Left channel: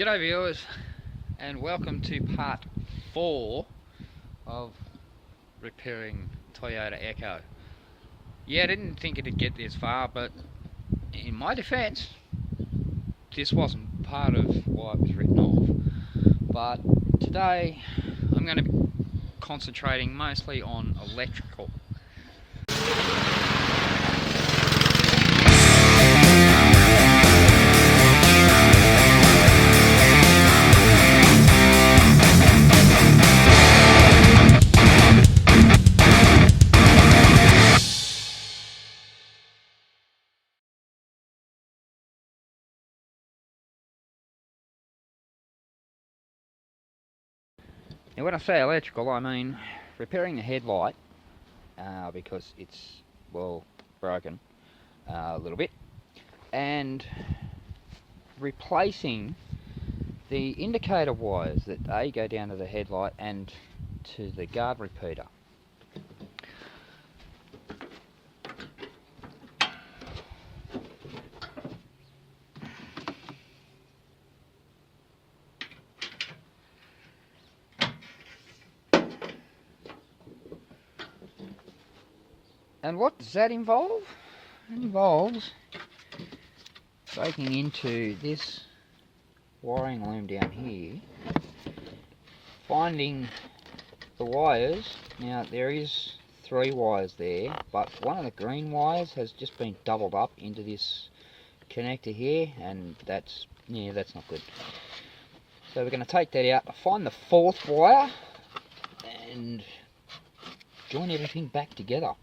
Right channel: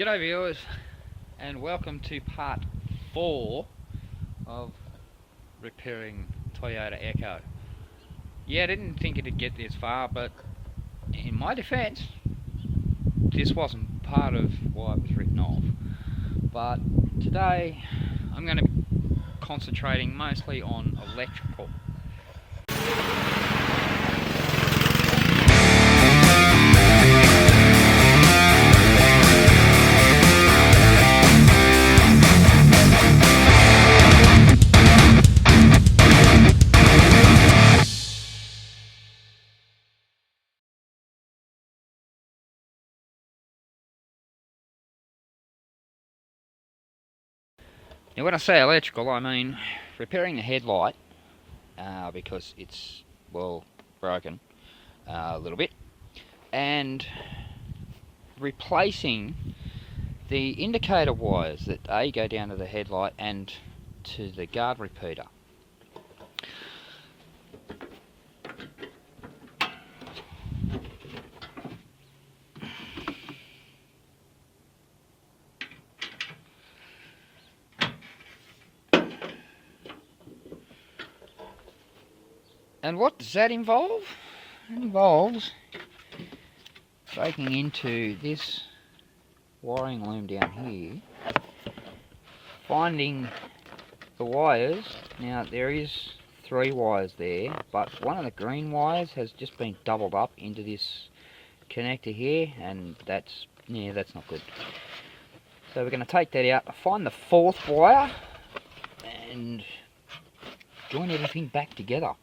G'day viewers, and welcome to part 4 of repairing Toyota Echo. Yeah, I didn't think it'd get this far, but in my defence, this wasn't part of why it was written off. But today, I'm going to be concentrating mostly on electrical. Now when I say electrical, I mean repairing the headlight because it's, well, broken a little bit, and replacing the indicator wires that go down to the headlight and to the guard repeater. And what does that involve? It involves breaking into this wiring loom down here, finding the wires. Now there is 3 wires there, but one of the green wires has just been doubled up into this connector here, and that's not good. So we're going to take that out, find the 4th wire, and join everything back together.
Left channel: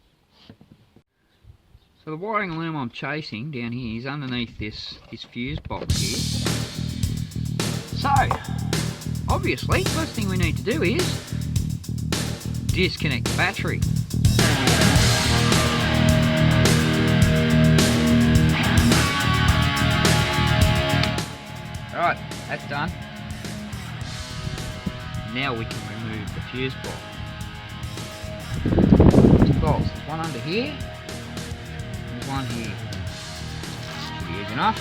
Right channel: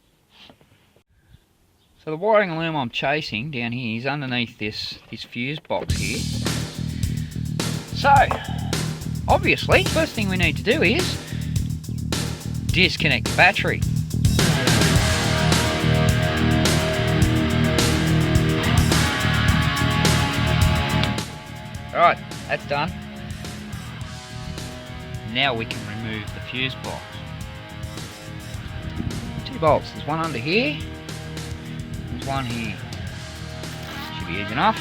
So the wiring loom I'm chasing down here is underneath this fuse box here. So, obviously, first thing we need to do is disconnect the battery. Alright, that's done. Now we can remove the fuse box. 2 bolts, there's one under here. There's one here. Should be easy enough.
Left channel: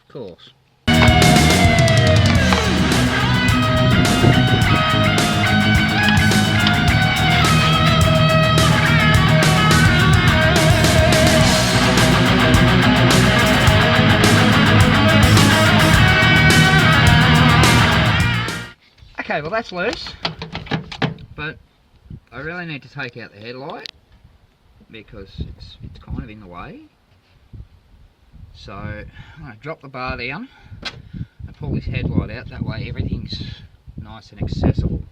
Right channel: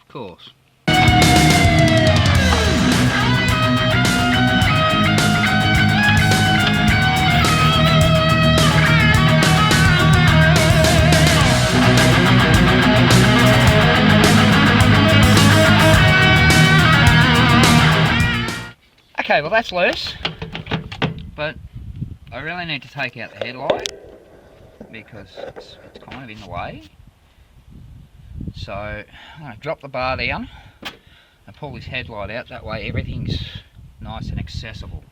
Of course. Okay, well that's loose, but I really need to take out the headlight because it's kind of in the way. So I'm going to drop the bar down and pull this headlight out, that way everything's nice and accessible.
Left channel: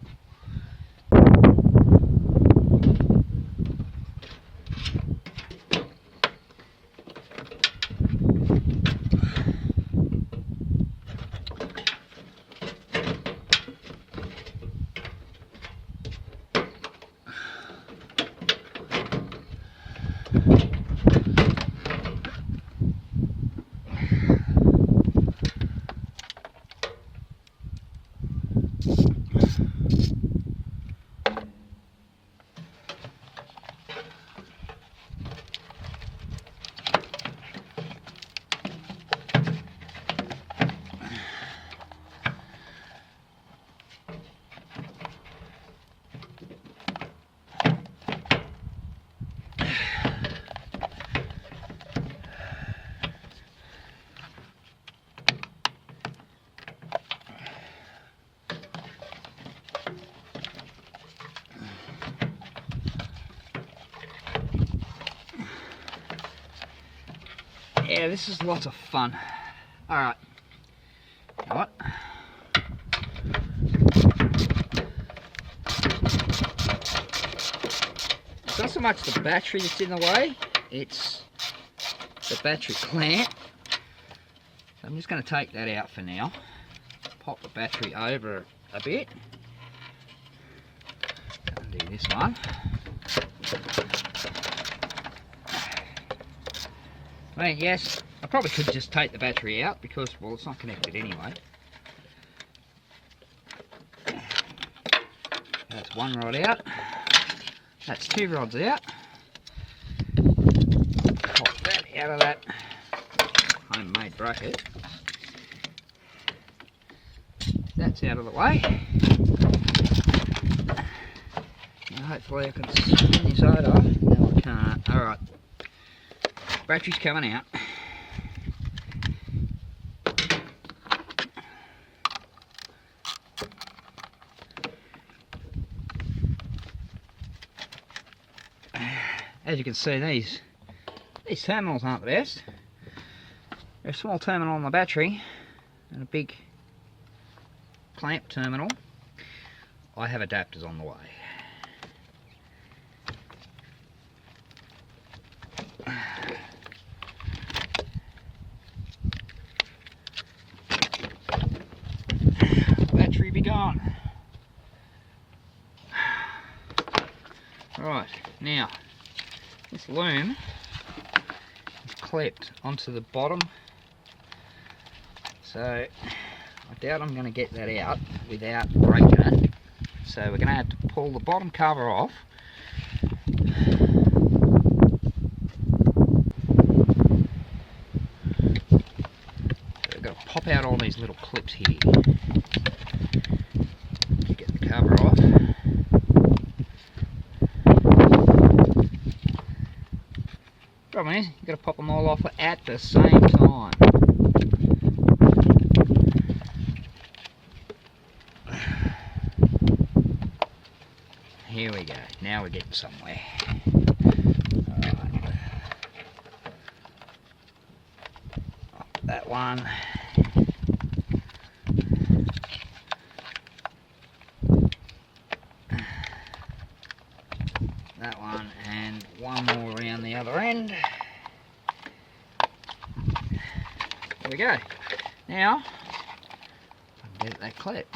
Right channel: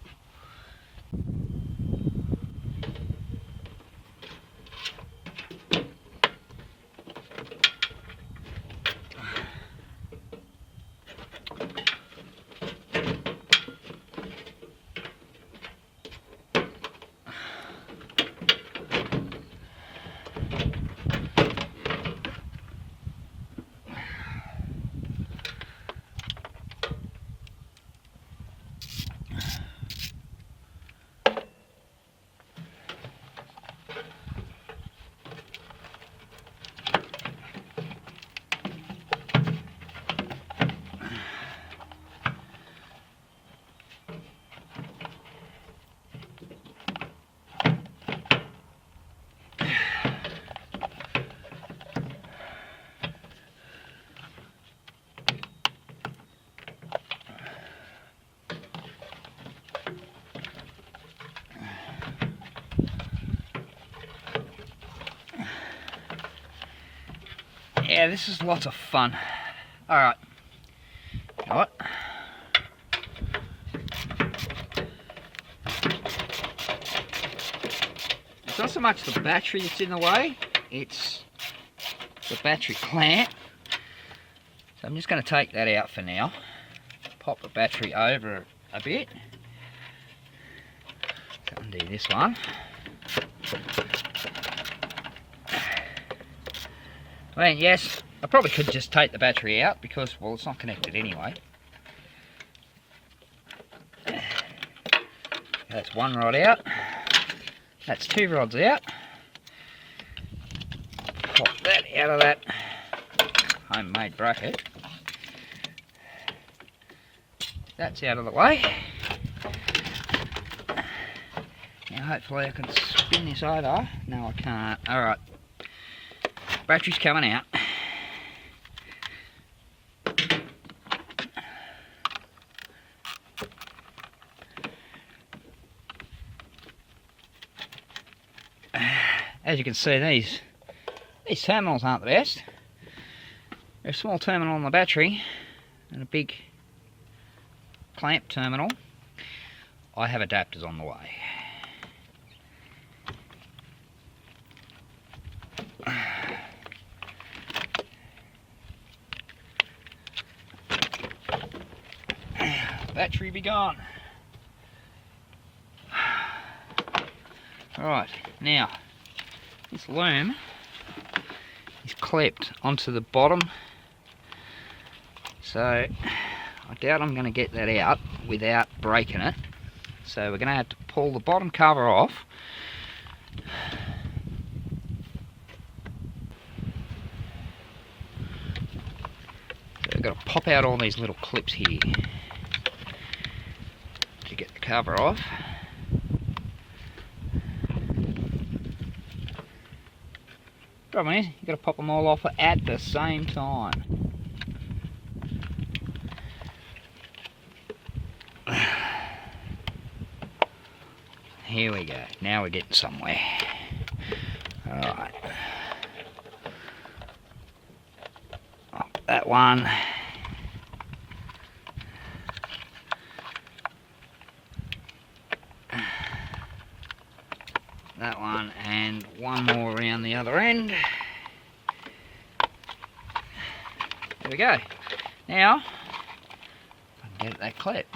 Yeah, this is lots of fun. Alright. You know what? It's not so much the battery that's in the way, it's the battery clamp. So I'm just going to take that out for now. Pop the battery over a bit. Undo this one. I mean, yes, I probably could just take the battery out because, well, it's not connected anyway. That's one rod out. That's two rods out. Pop that out of that homemade bracket. That's out of the way. Now hopefully I can spin this over. No, I can't. Alright. Battery's coming out. As you can see, these terminals aren't the best. There's a small terminal on the battery and a big clamp terminal. I have adapters on the way. Battery be gone. Right, now this loom is clipped onto the bottom, so I doubt I'm going to get that out without breaking it. So we're going to have to pull the bottom cover off. So we've got to pop out all these little clips here to get the cover off. Problem is, you've got to pop them all off at the same time. Here we go. Now we're getting somewhere. Alright. That one. That one, and one more around the other end. There we go. Now, I can get that clip.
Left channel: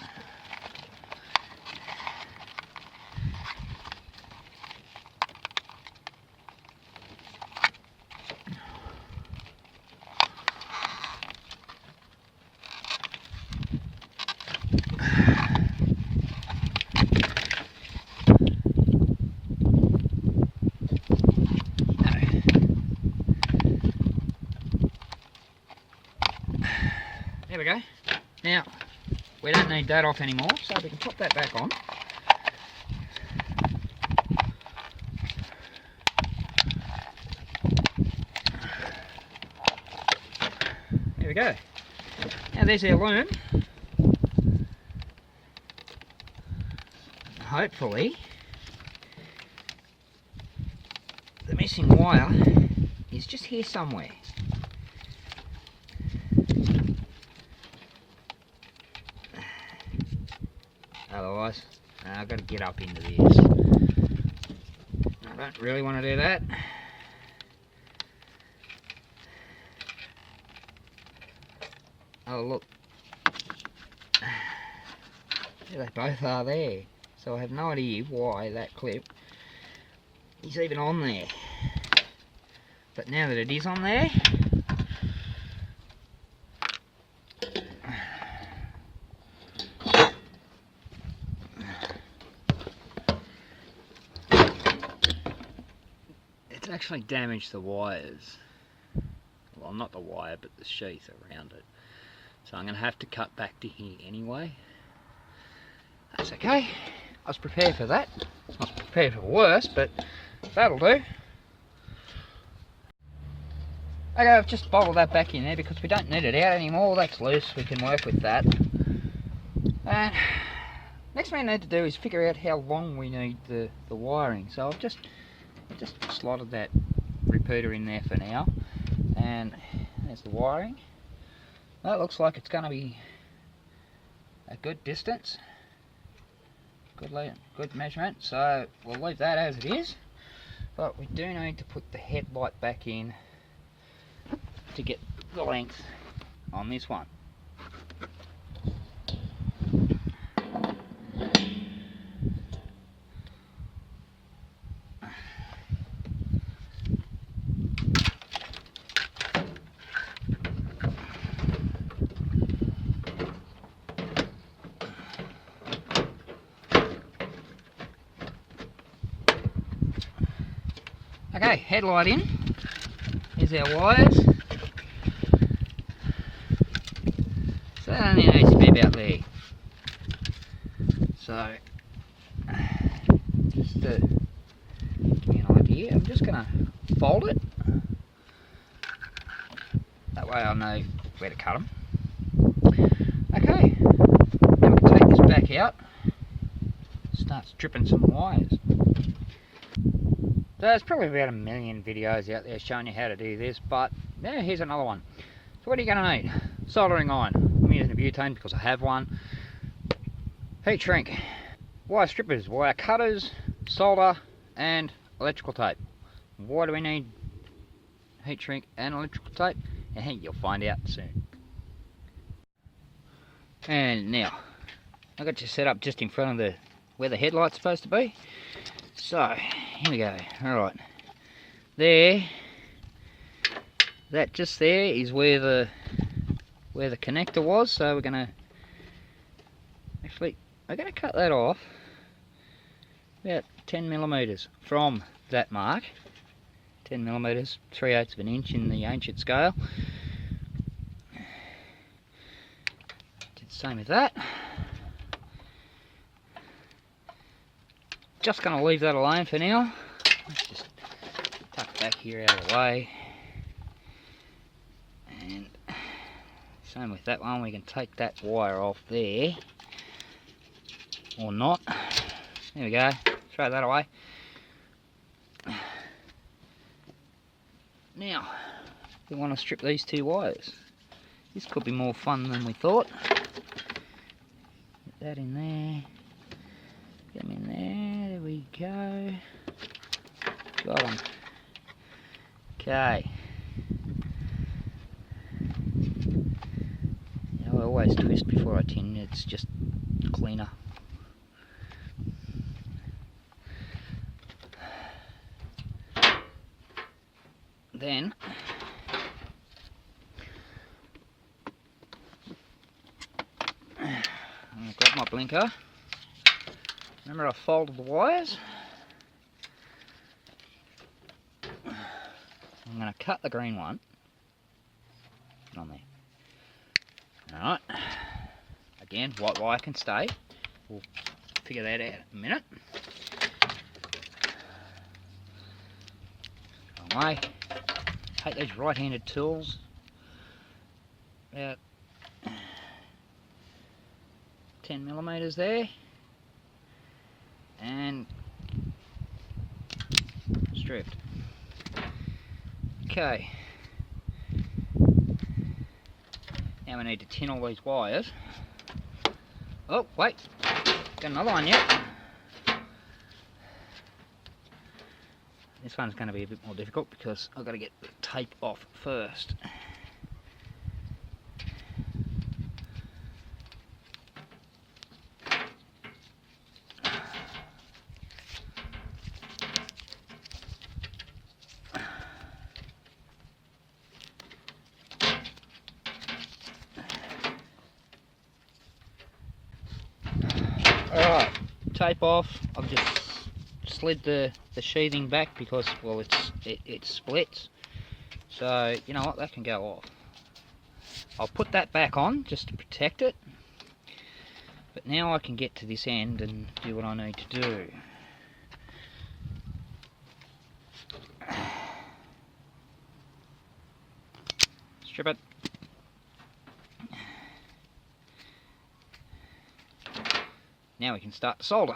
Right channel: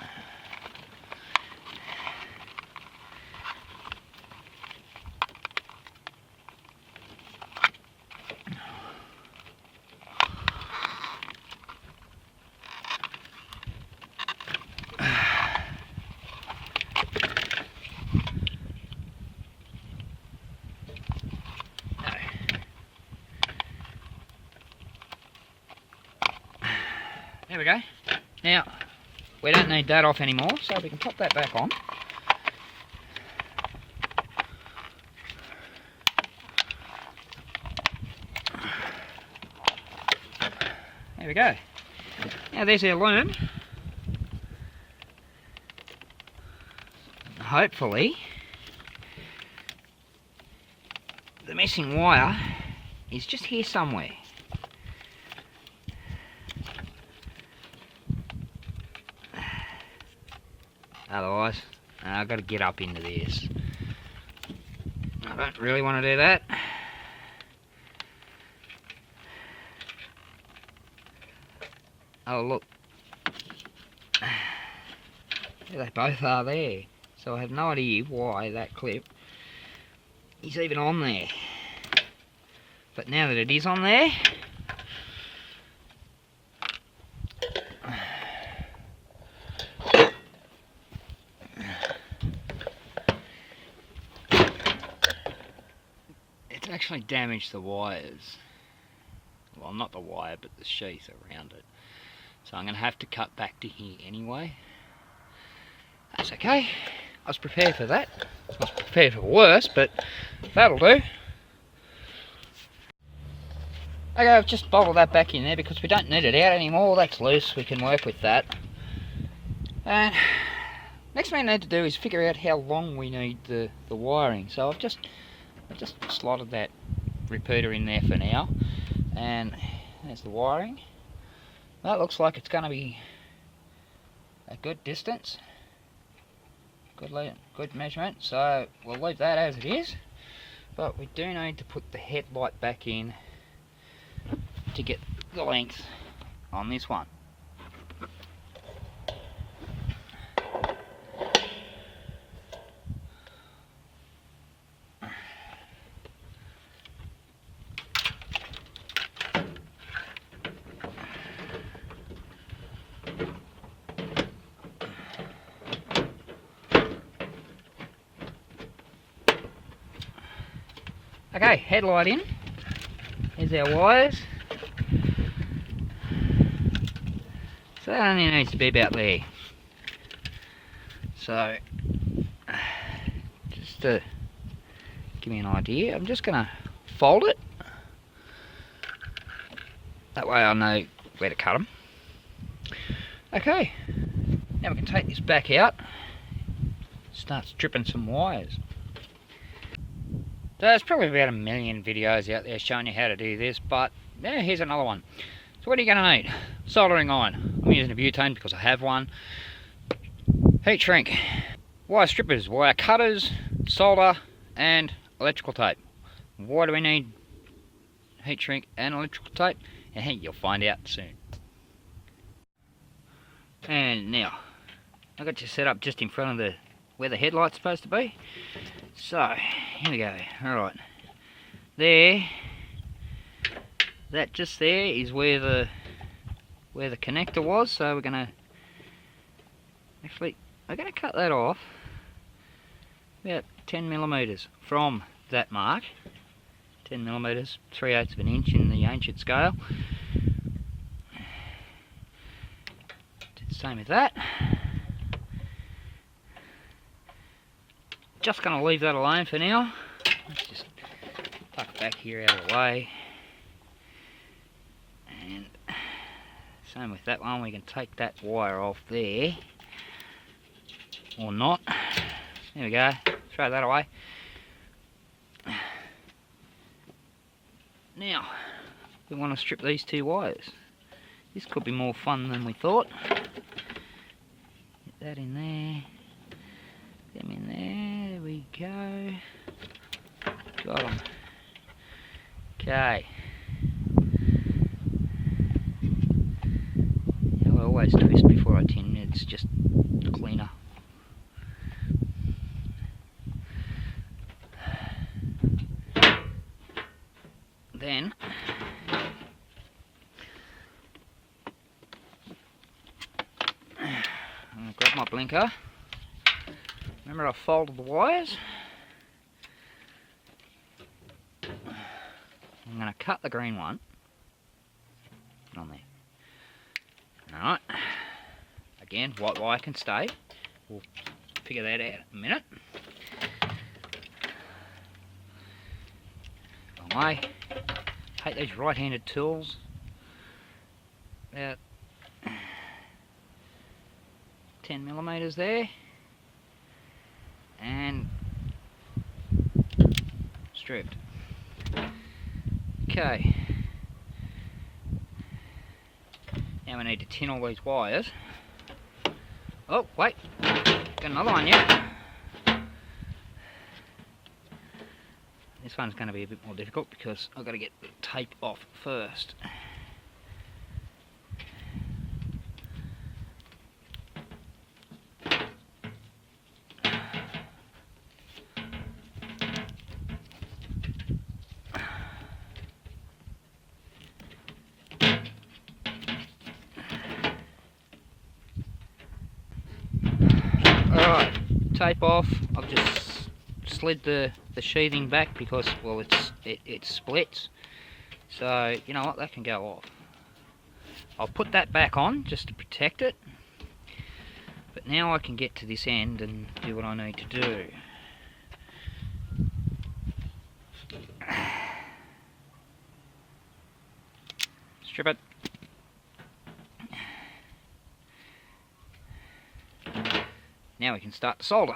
There we go. Now, we don't need that off anymore, so we can pop that back on. There we go. Now there's our loom. Hopefully, the missing wire is just here somewhere. Otherwise, I've got to get up into this. I don't really want to do that. Oh look, they both are there. So I have no idea why that clip is even on there. But now that it is on there, it's actually damaged the wires. Well, not the wire, but the sheath around it. So I'm going to have to cut back to here anyway. That's okay. I was prepared for that. I was prepared for worse, but that'll do. Okay, I've just bolted that back in there because we don't need it out anymore. That's loose, we can work with that. And next thing I need to do is figure out how long we need the wiring. So I've just slotted that repeater in there for now. And there's the wiring. That looks like it's going to be a good distance. Good measurement, so we'll leave that as it is, but we do need to put the headlight back in to get the length on this one. Okay, headlight in. Here's our wires. So that only needs to be about there. So, just to give me an idea, I'm just going to fold it. That way I know where to cut them. Okay, then we can take this back out. Start stripping some wires. So there's probably about 1 million videos out there showing you how to do this, but now here's another one. So what are you going to need? Soldering iron. I'm using a butane because I have one. Heat shrink. Wire strippers, wire cutters, solder and electrical tape. Why do we need heat shrink and electrical tape? And you'll find out soon. And now, I've got you set up just in front of where the headlight's supposed to be. So, here we go. Alright. There, that just there is where the connector was, so we're gonna cut that off about 10mm from that mark. 10mm, 3/8 of an inch in the ancient scale. Did the same with that. Just going to leave that alone for now. Let's just tuck it back here out of the way. And same with that one, we can take that wire off there. Or not. There we go, throw that away. Now, we want to strip these two wires. This could be more fun than we thought. Get that in there. Get them in there. There we go. Got them. Okay. Now I always twist before I tin. It's just cleaner. Then I'm going to grab my blinker. Remember I folded the wires. I'm going to cut the green one. Put on there. Alright. Again, white wire can stay. We'll figure that out in a minute. Wrong way. Take these right-handed tools. About 10mm there. And stripped. Okay. Now we need to tin all these wires. Oh, wait. Got another one yet. This one's going to be a bit more difficult because I've got to get the tape off first. Alright, tape off. I've just slid the sheathing back because, well, it splits. So, you know what, that can go off. I'll put that back on just to protect it. But now I can get to this end and do what I need to do. Strip it. Now we can start to solder.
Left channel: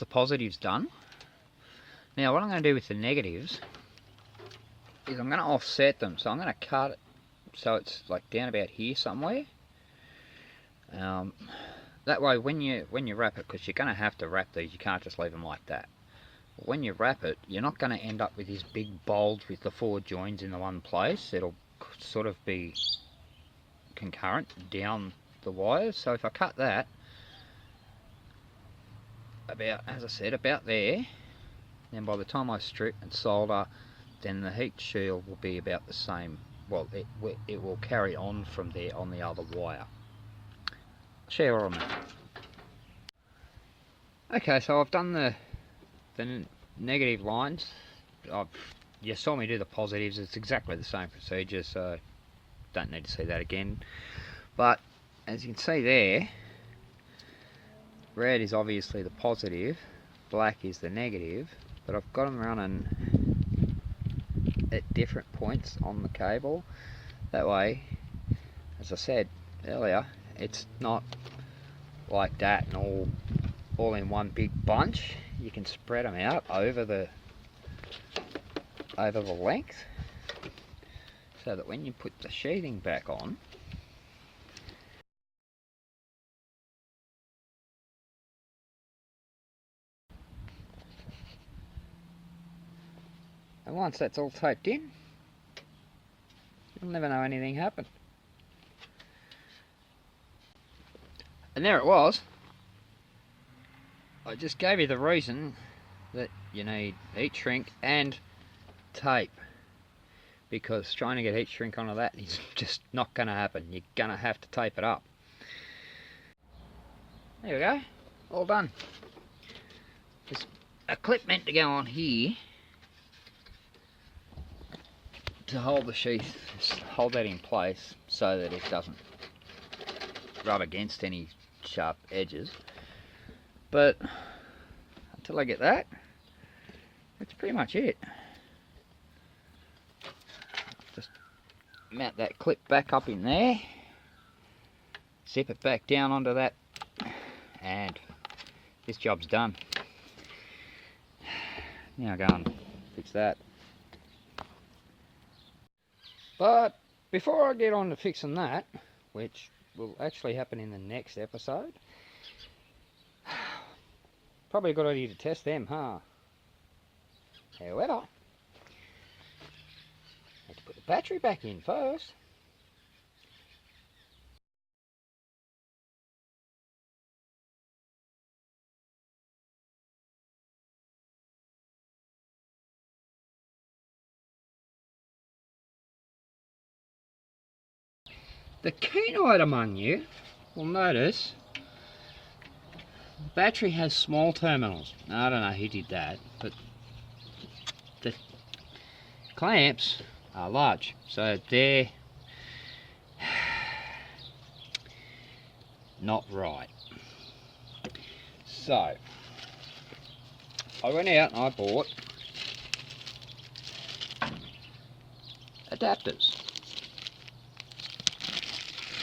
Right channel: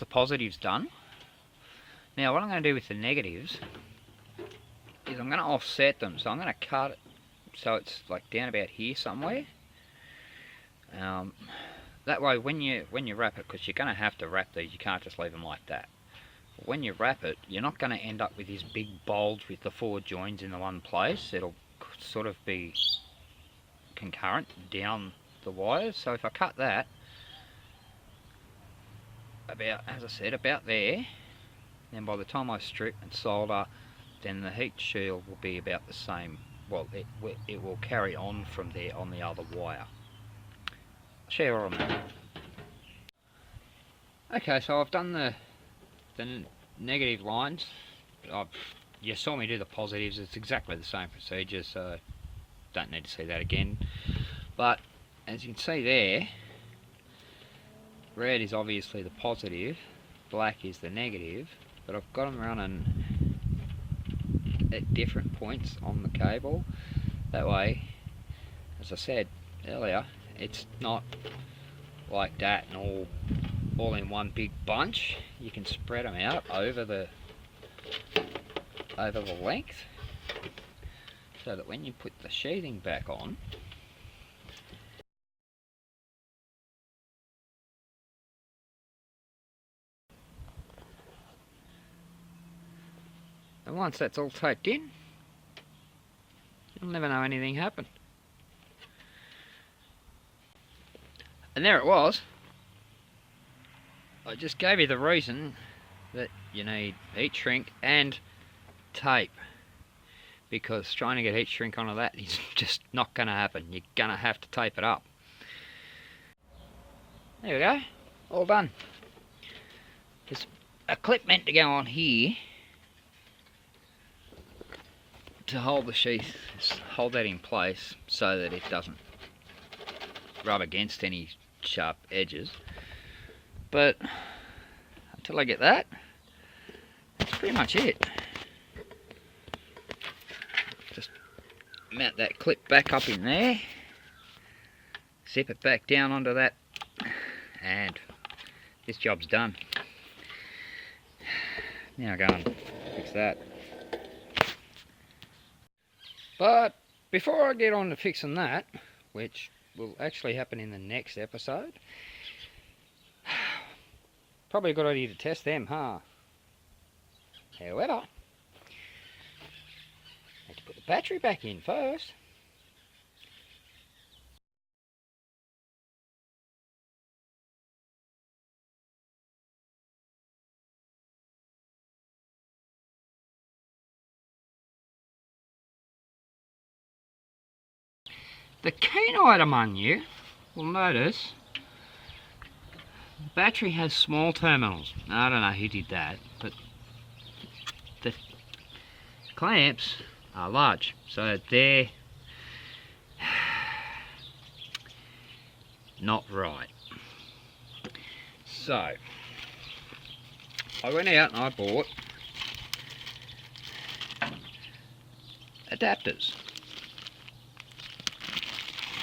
the positives done. Now what I'm going to do with the negatives is I'm going to offset them. So I'm going to cut it so it's like down about here somewhere. That way when you wrap it, because you're going to have to wrap these, you can't just leave them like that. When you wrap it, you're not going to end up with this big bulge with the 4 joins in the one place. It'll sort of be concurrent down the wires. So if I cut that about, as I said, about there, then by the time I strip and solder, then the heat shield will be about the same. Well, it will carry on from there on the other wire. Share on that. Okay, so I've done the negative lines. You saw me do the positives. It's exactly the same procedure, so don't need to see that again. But as you can see there, red is obviously the positive, black is the negative, but I've got them running at different points on the cable. That way, as I said earlier, it's not like that and all in one big bunch. You can spread them out over the length, so that when you put the sheathing back on, and once that's all taped in, you'll never know anything happened. And there it was. I just gave you the reason that you need heat shrink and tape, because trying to get heat shrink onto that is just not going to happen. You're going to have to tape it up. There we go, all done. There's a clip meant to go on here to hold the sheath, just hold that in place so that it doesn't rub against any sharp edges. But until I get that, that's pretty much it. Just mount that clip back up in there, zip it back down onto that, and this job's done. Now go and fix that. But before I get on to fixing that, which will actually happen in the next episode, probably a good idea to test them, huh? However, I have to put the battery back in first. The keen-eyed among you will notice the battery has small terminals. Now, I don't know who did that, but the clamps are large, so they're not right. So I went out and I bought adapters.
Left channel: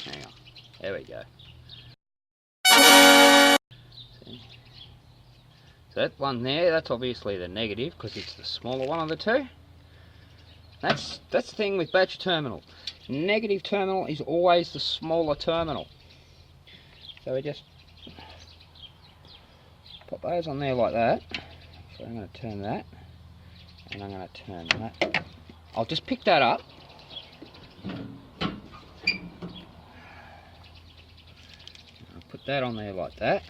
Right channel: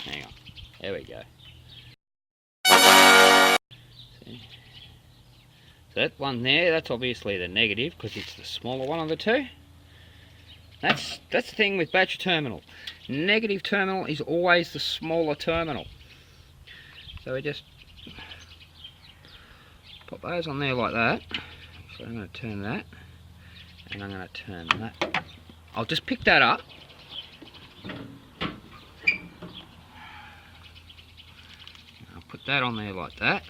Hang on, there we go. See? So that one there, that's obviously the negative because it's the smaller one of the two. That's the thing with battery terminal. Negative terminal is always the smaller terminal. So we just pop those on there like that. So I'm going to turn that, and I'm going to turn that. I'll just pick that up. I'll put that on there like that.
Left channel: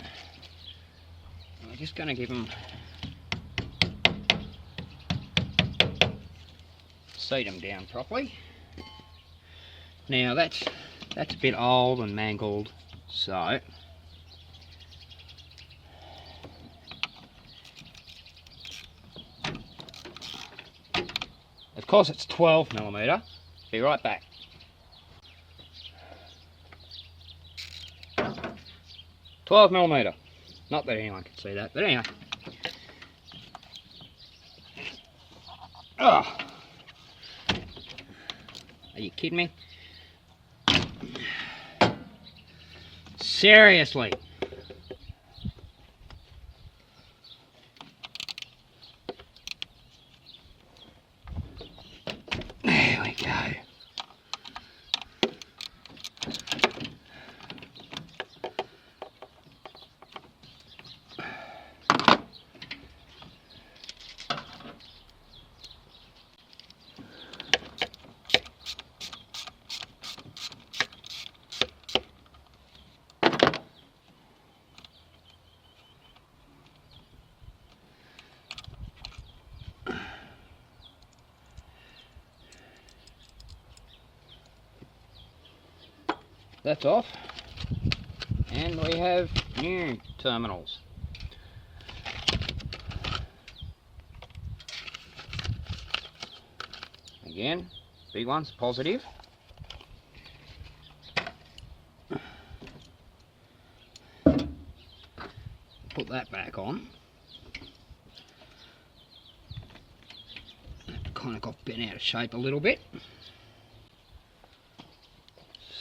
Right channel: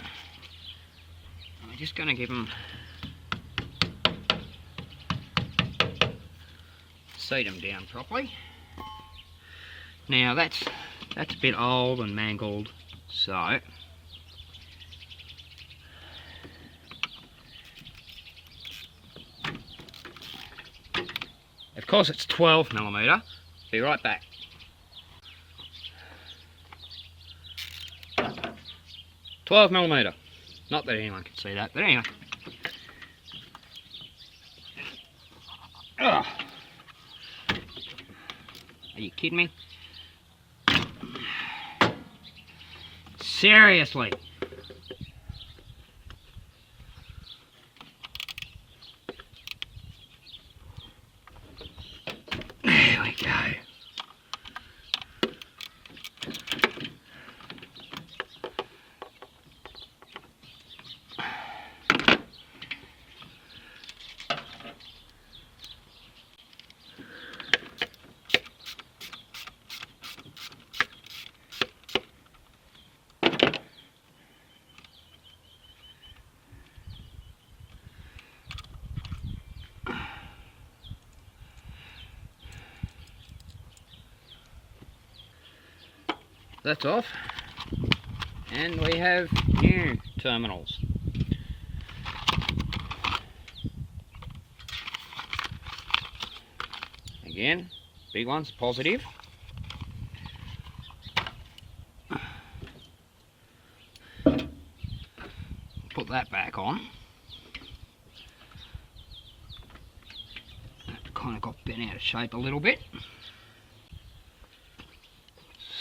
And we're just going to give them, seat them down properly. Now that's a bit old and mangled, so of course it's 12mm. Be right back. $12mm. Not that anyone can see that, but anyway. Oh. Are you kidding me? Seriously. that's off. And we have new terminals. Again, big ones, positive. Put that back on. Kind of got bent out of shape a little bit.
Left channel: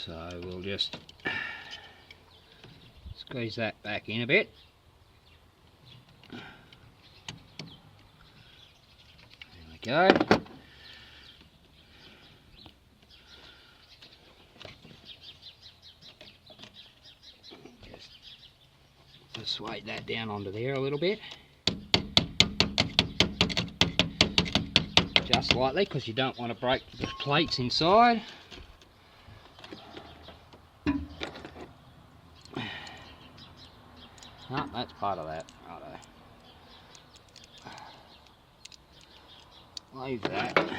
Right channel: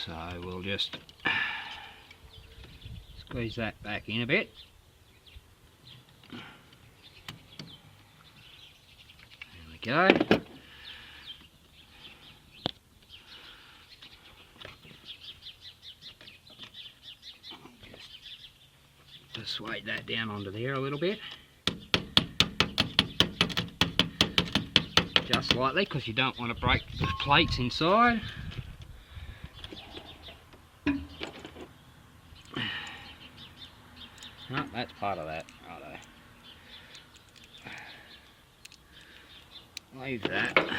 So we'll just squeeze that back in a bit. There we go. Just weight that down onto there a little bit. Just slightly, because you don't want to break the plates inside. Oh, that's part of that. Righto. Leave that.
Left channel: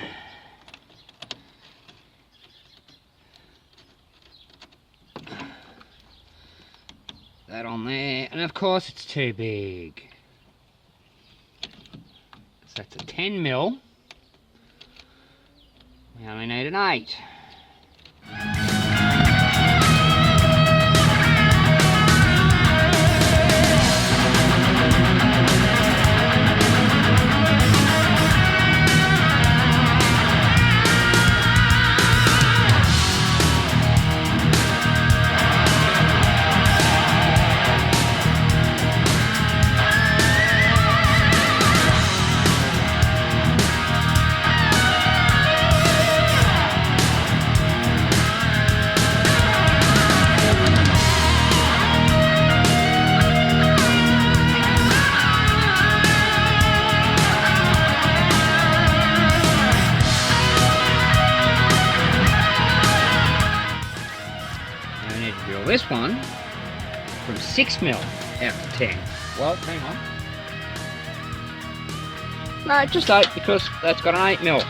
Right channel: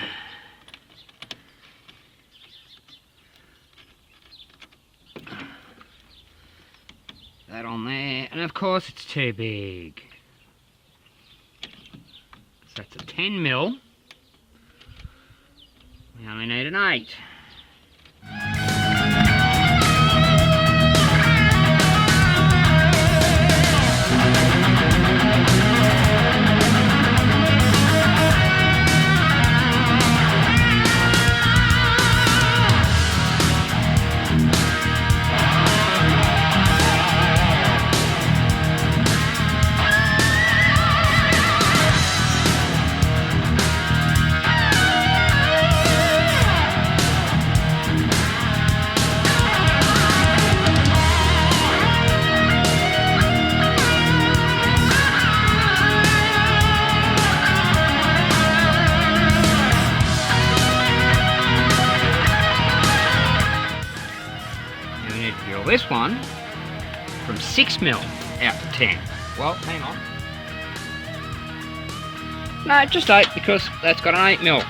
That on there, and of course it's too big. So that's a 10mm. We only need an 8. This one from 6mm out of 10. Well, hang on. No, just 8 because that's got an 8mm.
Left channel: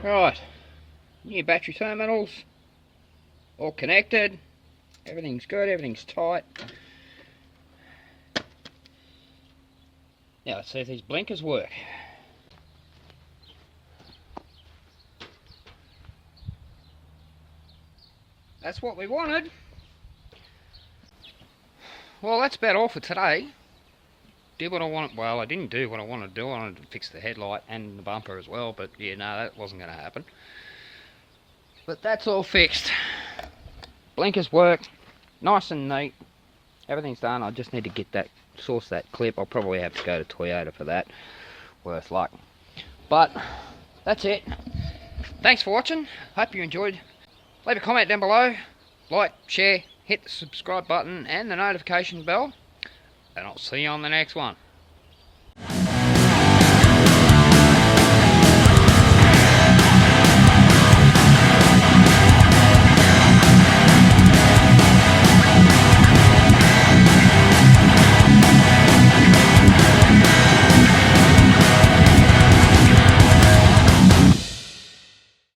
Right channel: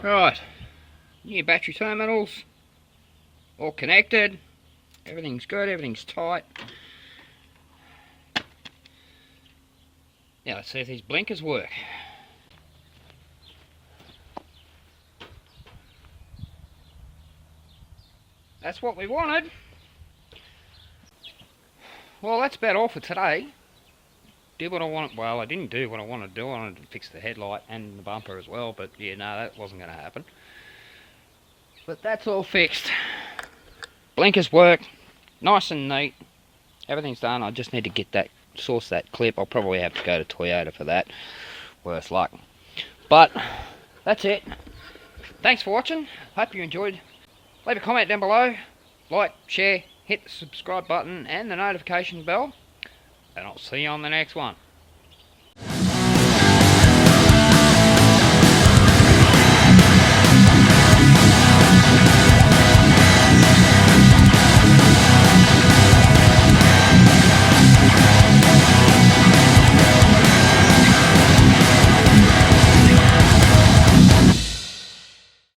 Right, new battery terminals, all connected, everything's good, everything's tight. Now let's see if these blinkers work. That's what we wanted. Well, that's about all for today. Did what I wanted. Well, I didn't do what I wanted to do. I wanted to fix the headlight and the bumper as well, but yeah, no, that wasn't going to happen. But that's all fixed. Blinkers work, nice and neat. Everything's done. I just need to get that, source that clip. I'll probably have to go to Toyota for that. Worse luck. But that's it. Thanks for watching. Hope you enjoyed. Leave a comment down below. Like, share, hit the subscribe button and the notification bell. And I'll see you on the next one.